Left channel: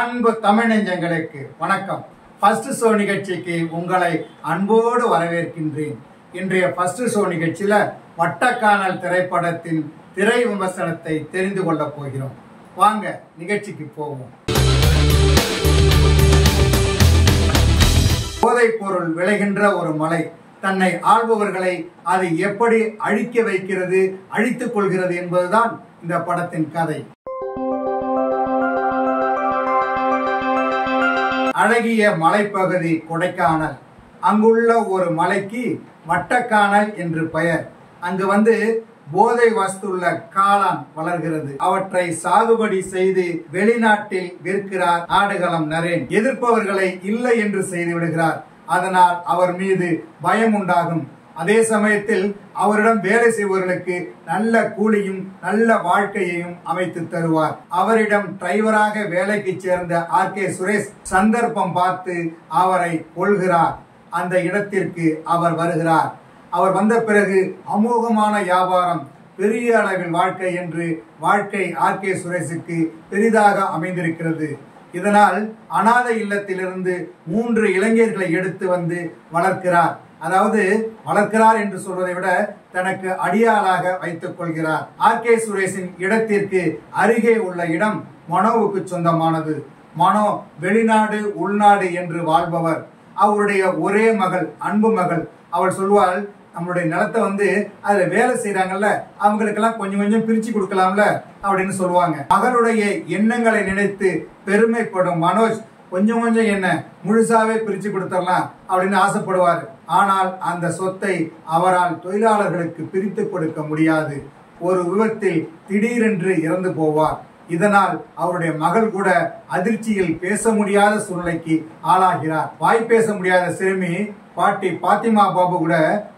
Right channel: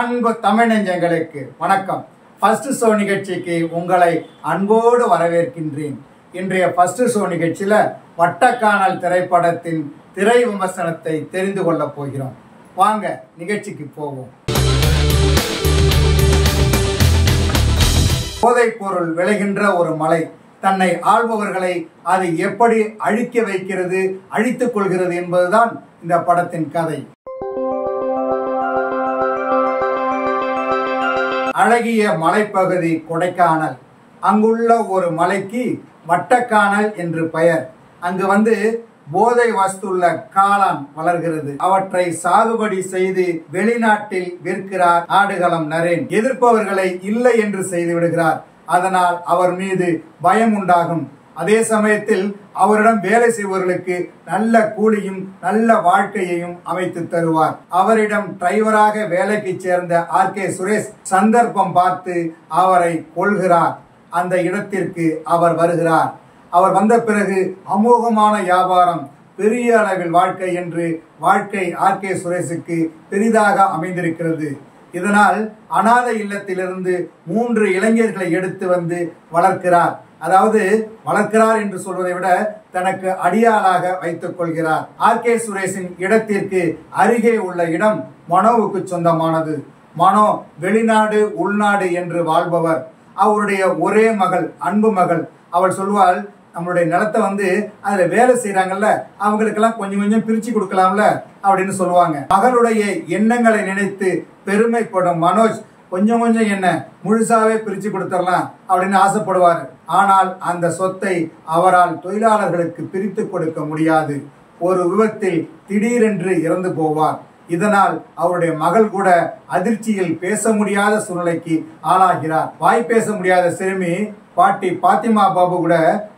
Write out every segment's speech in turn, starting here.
அன்பு தமிழ் நெஞ்சங்களுக்கு வணக்கம். ஃபர்ஸ்ட் ஷோ நிகழ்ச்சிக்கு உங்களை அன்போடு வரவேற்கின்றேன். இன்றைய ஃபர்ஸ்ட் ஷோ நிகழ்ச்சியில வட்டக்கானல் திரைப்படத்தின் திரை விமர்சனத்தை தெரிந்து கொள்ள போகிறோம். வாங்க நிகழ்ச்சிக்கு போவோம். போதைப் பொருள் விளைகின்ற ஒரு மலை தன்னை ஆள்பவர்களை அது எப்படி அழிக்க வைக்கிறது, அழித்துக் கொள்கிறது என்பதுதான் இந்த படத்தின் கதை. அழகிய மலைப்பகுதி கொடைக்கானல். அங்குள்ள ஒரு மலைக்கு வட்டக்கானல் என்று பெயர். அங்கு போதை வஸ்துள்ள காளான் வளர்கிறது. அவற்றை சாகுபடி செய்து வெளிநாட்டில் விற்கிறார் ஆடுகளம் நரேன். எதிர்ப்பவர்களை இல்லை என்று செய்து விடுகிறார். அதனால் அவர் மீது பயம் உண்டாகும். அதே சமயத்தில் அவரிடம் வேலை செய்பவர்களுக்கு நல்ல கூலியும் நல்ல வாழ்க்கையையும் அமைத்து தருவார். அவரிடம் டிரைவராக வேலைக்கு சேர்ந்த ஆர்.கே. சுரேஷ் சந்தர்ப்பம் பார்த்து அவரை கொள்கிறார். அந்த இடத்திற்கு அவர் வருகிறார். அவர் வந்த பிறகு அமோகமான வியாபாரம், பெரிய அளவில் வாழ்க்கை என்று வாழ்க்கை ஆர்.கே. சுரேஷுக்கு பெரிதாக அமைந்திருக்கிறது. இதனால் அனாதை இல்லத்திலிருந்து 3 இளைஞர்களை எடுத்து வளர்க்கிறார். அதாவது வளர்க்கிறார் என்று சொல்வதை விட தனக்கு அடியாளாக வைத்துக் கொள்கிறார். ஆர்.கே. சுரேஷின் இடத்திற்கு அருகே உள்ள இடம் மனோவுக்கு சொந்தமானது. மனோ வெளிநாடு உள்நாடு என்று வாழ்பவர். அவருடைய ஒரே மகள், அன்பு மகள். அவள் சொல்வாள், நம்மளுடைய நிலத்தை அதுல வேலை செய்யறாங்கல்ல, அவங்களுக்கெல்லாம் கொஞ்சம் கொஞ்சம் பிரிச்சு கொடுக்கலாம்ல அப்படின்னு சொல்லுவாங்க. மகளுடைய எண்ணங்களை நினைத்து பெருமைப்படும் மனோஜ் கொஞ்சம் கொஞ்சம் என்ன முழுசாவே பிரிச்சு கொடுத்துடலாம் அப்படின்னு ஆசைப்படுவார். ஆனால் அந்த சொத்தை அவரால் தொழிலாளர்களுக்கு பிரித்து கொடுக்க முடியாது. ஒரு விபத்தில் திடீரென்று இறந்து போவார். இதனால் அவருடைய மகள் கூட அதிர்ச்சியில் பேச முடியாத சூழ்நிலைக்கு ஆளாகிறார். வாய் பேச முடியாத சிறுமி பாட்டி பாத்திமா பாபு கூட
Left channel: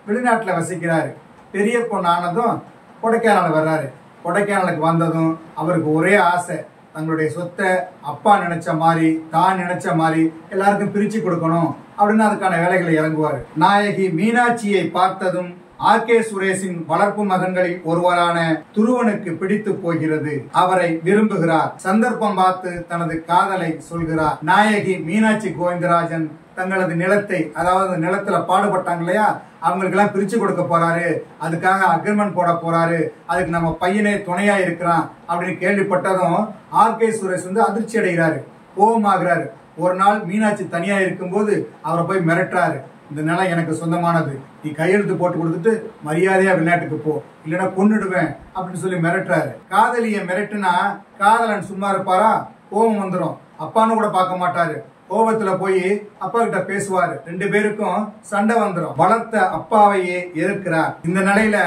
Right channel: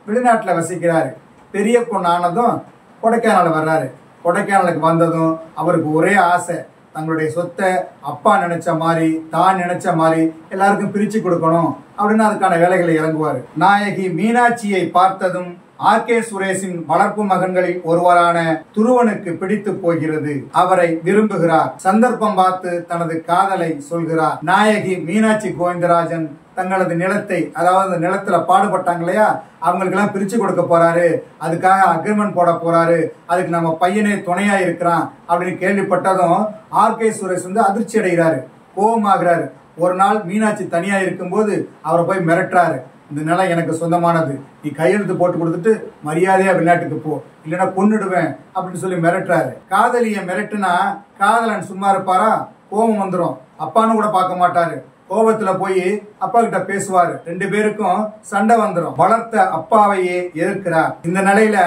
வெளிநாட்டுல வசிக்கிறாரு. பெரிய பொண்ணு ஆனதும் கொடைக்கானல் வர்றாரு. கொடைக்கானலுக்கு வந்ததும் அவருக்கு ஒரே ஆசை, தங்களுடைய சொத்தை அப்பா நினைச்ச மாதிரி தான் நினைச்ச மாதிரி எல்லாருக்கும் பிரிச்சு கொடுக்கணும் அப்படின்னு அதுக்கான வேலைகளை இறங்குவாரு. நாயகி மீனாட்சியை பார்த்ததும் ஆர்.கே. சுரேஷின் வளர்ப்பு மகன்களில் ஒருவரான துருவனுக்கு பிடித்து போகிறது. அவரை விரும்புகிறார். சந்தர்ப்பம் பார்த்து தனது காதலை சொல்கிறார். நாயகி மீனாட்சி கோவிந்தராஜன் தங்களது நிலத்தை, அதாவது நிலத்துல பாடுபட்டாங்க இல்லையா, அவங்களுக்கு எல்லாம் பிரிச்சு கொடுக்க போறாரு. அதுக்காக அக்ரிமெண்ட் போட போறாரு. அதுக்கு நம்ம பையனே துணையா இருக்கிறான் அப்படின்னு கேள்விப்பட்டதும் ஆர்.கே. சுரேஷ் அதிர்ச்சி அடைகிறாரு, கோபமாகிறாரு. ஒரு நாள் மீனாட்சி தனியா இருக்கும்போது அவரை போய் மிரட்டுறாரு. இந்த நிலம் எனக்கு சொந்தமானது, நீ கையெழுத்து போட்டு கொடுத்துட்டு மரியாதையா வெளிநாட்டுக்கு போ, இல்லைன்னா கொன்னுடுவேன் அப்படின்னு சொல்லி மிரட்டுறாரு. காதலிய மிரட்டுனா காதலன் சும்மா இருப்பாரா? கோபம் வந்துடும். அப்பான்னு கூட பார்க்க மாட்டாரு. கோபத்துல போய் அப்பா கிட்ட பேசுவாரு. 2 பேருக்கும் சண்டை வந்துடும். வளர்த்த அப்பாவையே எதிர்க்கிறார். இந்த நிலையில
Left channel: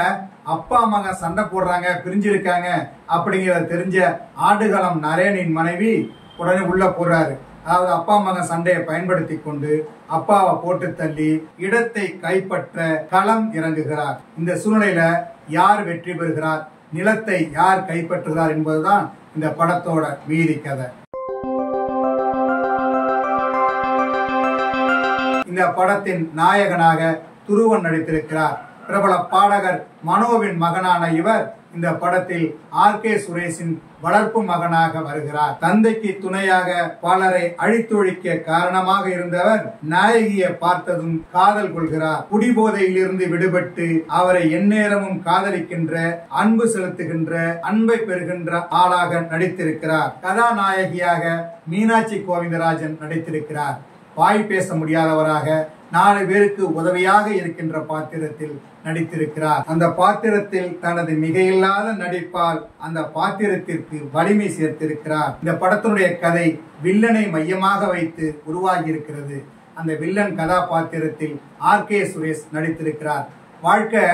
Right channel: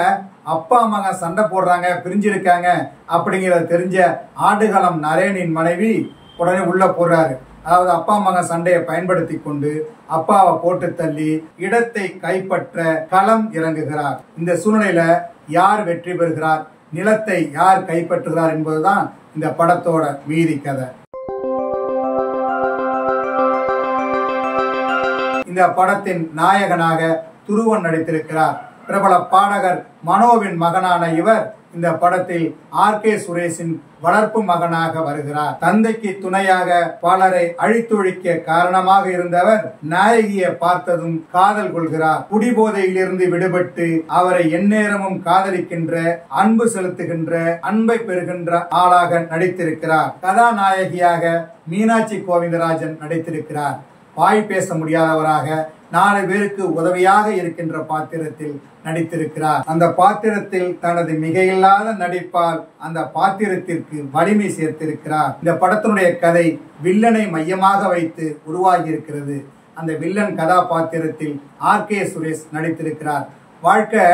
அப்பா மகன் சண்டை போடுறாங்க, பிரிஞ்சிருக்காங்க அப்படிங்கறத தெரிஞ்ச ஆடுகளம் நரேனின் மனைவி உடனே உள்ள போடுறாரு. அதாவது அப்பா மகன் சண்டையை பயன்படுத்தி கொண்டு அப்பாவை போட்டு தள்ளி இடத்தை கைப்பற்ற களம் இறங்குகிறார். இந்த சூழ்நிலையில யார் வெற்றி பெறுகிறார், நிலத்தை யார் கைப்பற்றுகிறார் என்பதுதான் இந்த படத்தோட மீதி கதை. இந்த படத்தின் நாயகனாக துருவன் நடித்திருக்கிறார். பிரபல பாடகர் மனோவின் மகனான இவர் இந்த படத்தில் ஆர்.கே. சுரேஷின் வளர்ப்பு மகனாக வருகிறார். தந்தைக்கு துணையாக பலரை அழித்தொழிக்க காரணமாக இருந்தவர் நாயகியை பார்த்ததும் காதல் கொள்கிறார். குடிபோதையிலிருந்து விடுபட்டு அவரை எந்நேரமும் காதலிக்கின்ற, அன்பு செலுத்துகின்ற, அன்பை பெறுகின்ற ஆளாக நடித்திருக்கிறார். கதாநாயகியாக மீனாட்சி கோவிந்தராஜன் நடித்திருக்கிறார். வாய் பேச முடியாதவராக 4 பேருக்கு உதவியாக இருக்கின்ற பாத்திரத்தில் நடித்திருக்கிறார். அந்த பாத்திரத்தில் தனது மிகையில்லாத நடிப்பால் அந்த பாத்திரத்திற்கு வலிமை சேர்த்திருக்கிறார். இந்த படத்தினுடைய கதை வில்லனை மையமாக வைத்து உருவாகி இருக்கிறது. அந்த வில்லன் கதாபாத்திரத்தில் ஆர்.கே. சுரேஷ் நடித்திருக்கிறார். வாழ்க்கை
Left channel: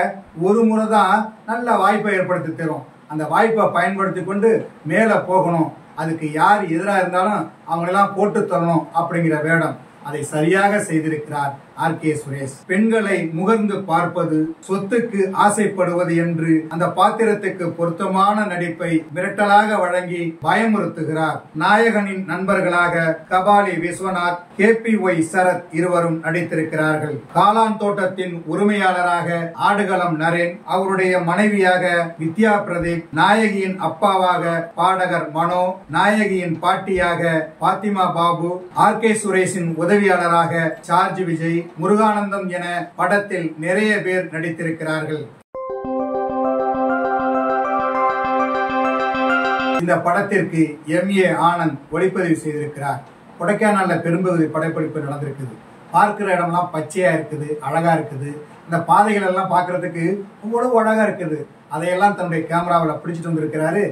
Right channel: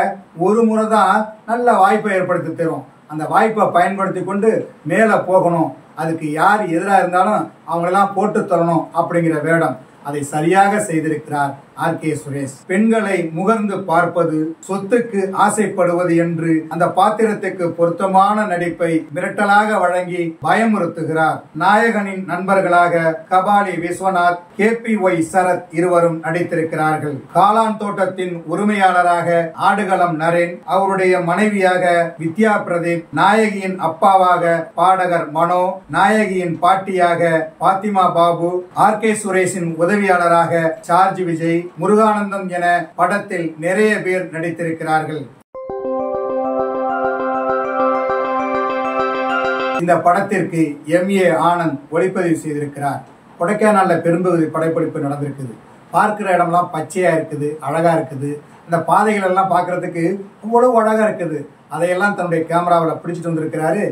ஒரு முறை தான் நல்ல வாய்ப்பை ஏற்படுத்தி தரும். அந்த வாய்ப்பை பயன்படுத்தி கொண்டு மேல போகணும். அதுக்கு யார் எதிராக இருந்தாலும் அவங்களெல்லாம் போட்டு தரணும் அப்படிங்கிற வேடம். அதை சரியாக செய்திருக்கிறார் R.K. சுரேஷ். பெண்களை முகர்ந்து பார்ப்பது, சொத்துக்கு ஆசைப்படுவது என்று அந்த பாத்திரத்துக்கு பொருத்தமான நடிப்பை மிரட்டலாக வழங்கி பயமுறுத்துகிறார். நாயகனின் நண்பர்களாக கபாலி விஸ்வநாத், KPY சரத் இருவரும் நடித்திருக்கிறார்கள். காளான் தோட்டத்தின் உரிமையாளராக ஆடுகளம் நரேன், அவருடைய மனைவியாக வித்யா பிரதீப், நாயகியின் அப்பாவாக பாடகர் மனோ, நாயகியின் பாட்டியாக பாத்திமா பாபு, R.K. சுரேஷின் உதவியாளராக சார்ஜ் விஜய், முருகானந்தம் என படத்தில் நிறைய பேர் நடித்திருக்கிறார்கள். இந்த படத்திற்கு M.A. ஆனந்த் ஒளிப்பதிவு செய்திருக்கிறார். கொடைக்கானல்ல பெரும்பகுதி படப்பிடிப்பு நடந்திருக்குது. பார்க்கிற இடம்லாம் பச்சையா இருக்குது, அழகா இருக்குது. அந்த பாதைகள் எல்லாம் பார்க்கறதுக்கு அவ்வளவு அழகா இருக்குது. அதையெல்லாம் தன்னுடைய கேமராவில் பிடிச்சிட்டு வந்திருக்கிறாரு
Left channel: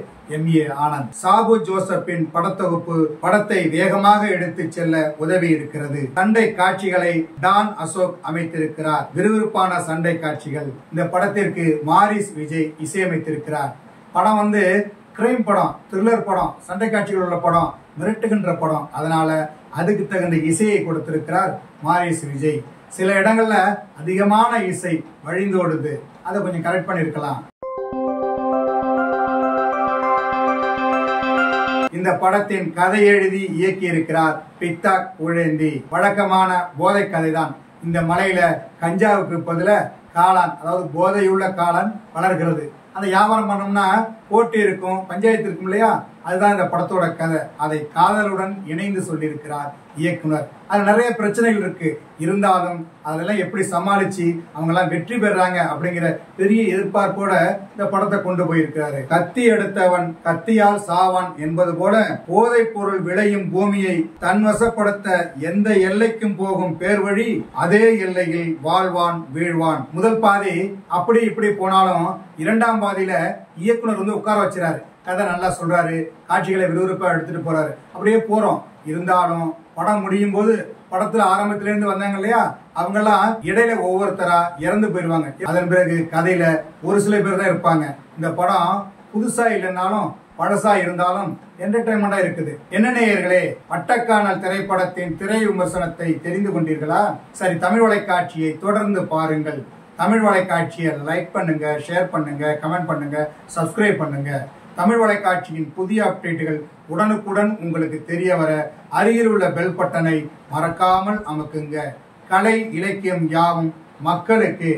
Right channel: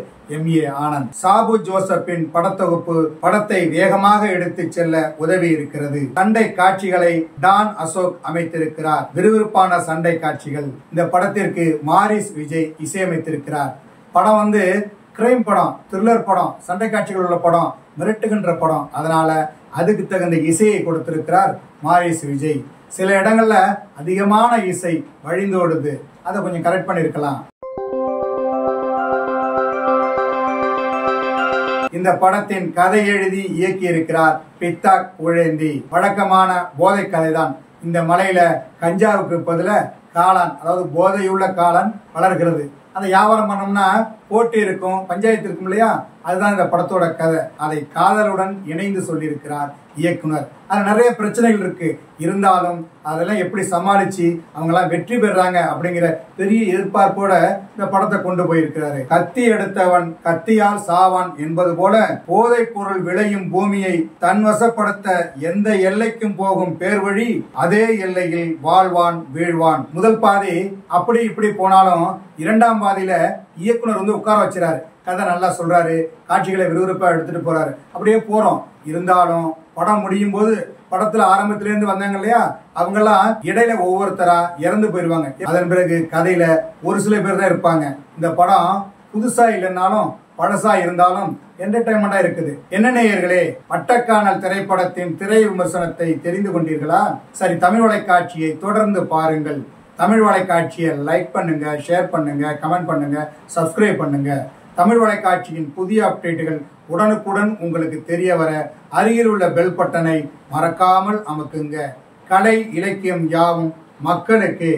M.A. ஆனந்த். சாபு ஜோசப்பின் படத்தொகுப்பு படத்தை வேகமாக எடுத்து செல்ல உதவி இருக்கிறது. சண்டை காட்சிகளை டான் அசோக் அமைத்திருக்கிறார். விறுவிறுப்பான சண்டை காட்சிகள். இந்த படத்திற்கு மாரிஸ் விஜய் இசையமைத்திருக்கிறார். படம் கிரைம் படம், த்ரில்லர் படம், சண்டை காட்சிகள் உள்ள படம், மிரட்டுகின்ற படம். அதனால அதுக்கு தகுந்த இசையை கொடுத்திருக்கிறார் மாரிஸ் விஜய். சில இடங்கள்ல அதிகமான இசை வழிந்தோடுது, அதை கொஞ்சம் கரெக்ட் பண்ணிருக்கலாம். இந்த படத்தின் கதை எழுதி இயக்கி இருக்கிறார் பித்தாக் உழேந்தி. வழக்கமான போதை கதைதான். இந்த மலையில கஞ்சாவுக்கு பதில காளான், அதாவது போதையுள்ள காளான் வளர்கிறது. அதை வியாபாரம் பண்ணோம்னா போட்டி இருக்கும், பஞ்சாயத்து இருக்கும் இல்லையா? அதுதான் இந்த படத்தோட கதை. அதை காதலுடன் இணைந்து சொல்லியிருக்கிறார் இயக்குனர். அது நிறைய பிரச்சனைகள் இருக்கு. இருந்தாலும் அதெல்லாம் எப்படி சமாளிச்சு அவங்க எல்லாம் வெற்றி பெறாங்க அப்படிங்கிற பெரிய எதிர்பார்ப்போட இந்த படத்தை கொண்டு போயிருக்கிறாரு. கத்தி எடுத்தவன் கத்தியால் சாவான் என்பது போல போதைப் பொருள் விளையும் பூமியை தன்வசப்படுத்த எந்த எல்லைக்கும் போகும் பேர் வழி அதே எல்லையில் வாழ்வான் வீழ்வான். முதல் பாதி அப்படி இப்படி போனாலும் இரண்டாம் பாதியில இயக்குனர் உட்கார வச்சுறாரு. கதை நல்லா சொல்றாரு, காட்சிகளை விறுவிறுப்பா எடுத்துட்டு போறாரு. அப்படியே போறோம். இருந்தாலும் படம் முடியும் போது படத்துல ஆரம்பத்திலிருந்து வந்தாங்க இல்லையா, அவங்க எல்லாம் இடையில ஒவ்வொருத்தரா இறந்து போயிருவாங்க. அதன் பிறகு கதையில ஒரு சில பேர் தான் இருப்பாங்க. இந்த படம் புதுசா இல்லைன்னாலும் பழசா இருந்தாலும் என்டர்டைன்மெண்டா இருக்குது. என்ன நேயர்களே, வட்டக்கானல் திரைப்படத்தின் திரை விமர்சனத்தை தெரிந்து கொண்டீர்களா? சரி, தமிழ் வலைக்காட்சியை தொடர்ந்து பாருங்கள். தமிழ் வலைக்காட்சியை லைக் பண்ணுங்க, ஷேர் பண்ணுங்க, கமெண்ட் பண்ணுங்க, சப்ஸ்கிரைப் பண்ணுங்க. தமிழ் வலைக்காட்சியின் புதிய அப்டேட்டுகள் உடனுக்குடன் உங்களுக்கு தெரிய வர அருகில் உள்ள பெல் பட்டனை மறக்காமல் அமுக்குங்க. கலை இலக்கியம் யாவும் மக்களுக்கு.